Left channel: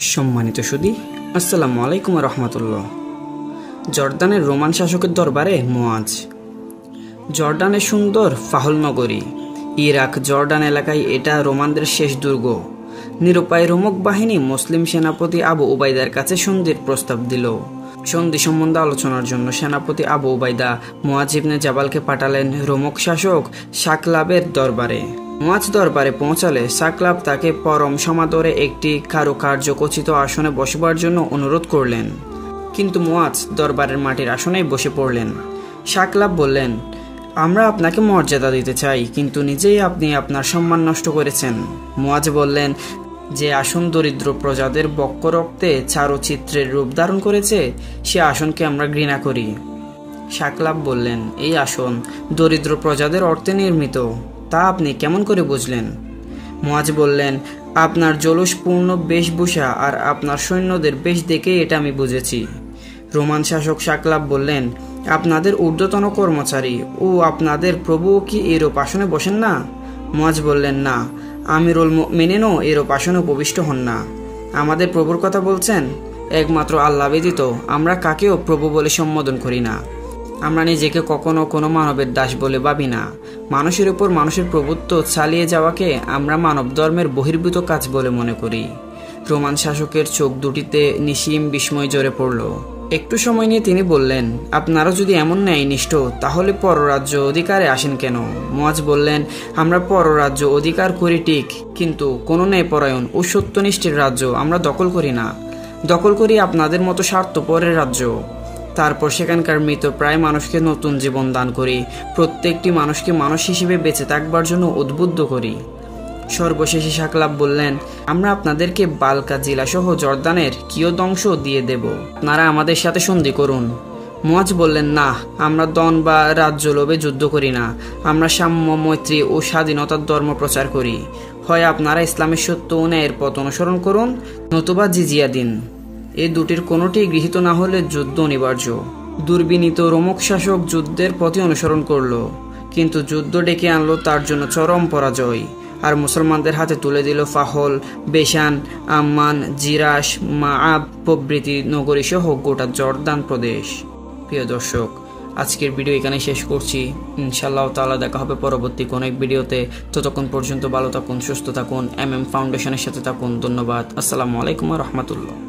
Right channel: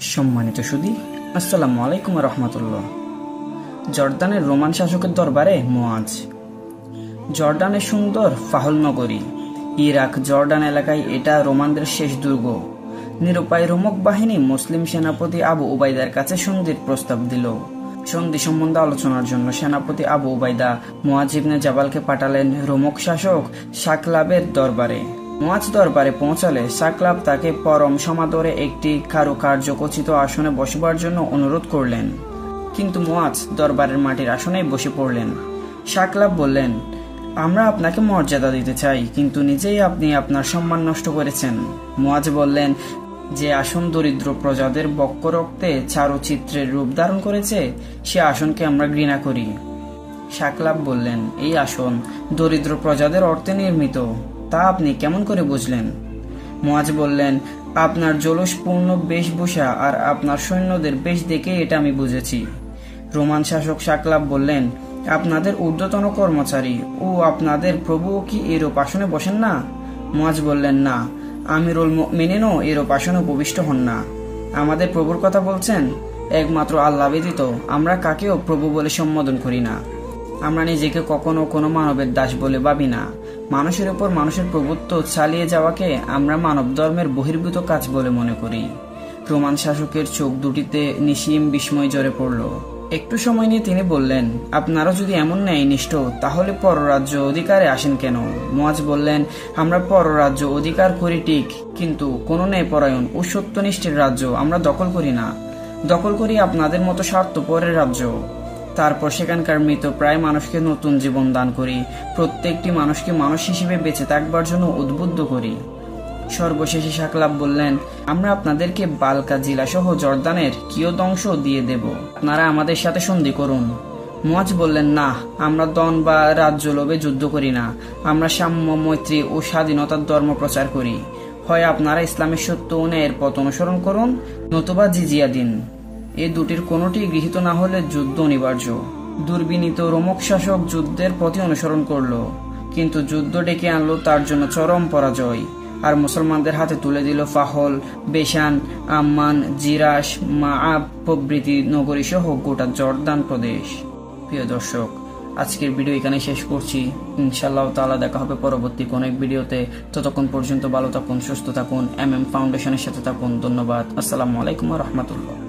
সম্মানিত সুধী, আসসালামু আলাইকুম রহমতুল্লাহ। জর্দানের রোমান শাসকের দরবারে মুয়াজ। জর্ডানের সুন্দর ফাহল নগরী, ইরাক জর্ডান এলাকায় এটা রোমানদের শেষ দুর্গ। নিরুপায় রোমক বাহিনী মুসলিম সেনাপতি আবু উবাইদার কাছে সন্ধির প্রস্তাব দিল। সন্ধি সম্বন্ধে আলোচনার জন্য সেনাপতি আবু উবাইদা মুয়াজ ইবনে জাবালকে পাঠালেন রোমক শাসক সাকলাবের দরবারে। মুয়াজ দরবারে পৌঁছালে সাকলাব তাকে পরম সমাদরে একটি কারুকার্যখচিত আসনে বসবার জন্য অনুরোধ করলেন, কিন্তু মুয়াজ দরবারের মাটির আসনেই বসে পড়লেন। সাকলাব বললেন, আমরা আপনাকে মর্যাদা দিতে চাই, কিন্তু নিজেই আপনি আপনার সম্মান নষ্ট করেছেন। মুয়াজ বললেন, যে আসন দরিদ্র প্রজাদের বক্ষ রক্তে চারুচিত্রের রূপ ধারণ করেছে, সে আসনকে আমরা ঘৃণা করি। সাকলাব বললেন, এই আসন দরিদ্র প্রজাদের অর্থে নির্মিত, তা আপনি কেমন করে বুঝলেন? মুয়াজ বললেন, আপনার জলুসপূর্ণ বেশভূষা আর আপনার সৈন্যদের বেশ দেখে এটা আমি বুঝেছি। রোমান শাসক সাকলাব বললেন, আপনাদের ঊর্ধ্বতন কর্মচারী ও আপনাদের প্রভুও কি এরূপ আসনে বসেন না? মুয়াজ বললেন, না, আমিরুল মুমিনিনও এরূপ আসনে উপবিষ্ট হন না। আমাদের প্রভুর কথা বলছেন? একমাত্র আল্লাহ ব্যতীত আমরা কাকেও প্রভু বলে সম্বোধন করি না। আমরা নিজেকে কখনো কোনো মানবের দাস বলে ভাবি না। মানুষের উপর মানুষের প্রভুত্ব চালিয়ে যাওয়াকে আমরা মানব ধর্মের বহির্ভূত কাজ বলে মনে করি। রোমান শাসকের চোখ দুটিতে নিসীম বিস্ময় জ্বরে পড়ল। একটু সময় নিয়ে তিনি বললেন, আপনারা যদি এমন ন্যায়নিষ্ঠ, তাহলে পররাজ্য অধিকারে আসেন কেন? মুয়াজ বললেন, আমরা পররাজ্য অধিকার করি ঠিক, কিন্তু কোনো ন্যায়পরায়ণ ও সত্যনিষ্ঠের রাজ্য আমরা দখল করি না। দখল করি আপনাদের মতো স্বার্থপরের রাজ্য। তারপর সেখানকার মৃত প্রায় মানুষকে নতুন জীবন দান করি, প্রত্যেকটি মানুষকে মানুষ হিসেবে বেঁচে থাকবার জন্য উদ্বুদ্ধ করি। সর্বশেষে সাকলাব বললেন, আমরা আপনাদেরকে বালকা জেলা সহ জর্দানের কিয়দংশ দিয়ে দেব, আপনারা আমাদের সাথে সন্ধি করুন। মুয়াজ বললেন, না, আমরা দন বা রাজ্য লোভে যুদ্ধ করি না, আমরা সাম্য, মৈত্রী ও স্বাধীনতার ধর্ম প্রচার করি। হয় আপনারা ইসলামের সত্য ও ন্যায়ের পথ অনুসরণ করুন, নতুবা জিজিয়া দিন। এই দুটির কোনোটি গৃহীত না হলে যুদ্ধ অনিবার্য। দুর্বিনীত রোমক শাসক যুদ্ধের পথে অনুসরণ করল, কিন্তু যুদ্ধ ডেকে আনলো তার জন্য চরম পরাজয়, আর মুসলমানদের হাতে তুলে দিল ফাহল, বেশান, আম্মান, জিরাস, মাআব প্রভৃতি নগরী সহ গোটা জর্দান প্রদেশ। প্রিয় দর্শক, আজকের ভিডিও এখানে শেষ করছি। ইনশাআল্লাহ তাআলা দেখা হবে পরবর্তী কোনো এক ভিডিওতে। ততক্ষণ পর্যন্ত ভালো থাকুন, সুস্থ থাকুন, MM ফাউন্ডেশনের সাথে থাকুন। ধন্যবাদ। আসসালামু আলাইকুম ওয়া রাহমাতুল্লাহ।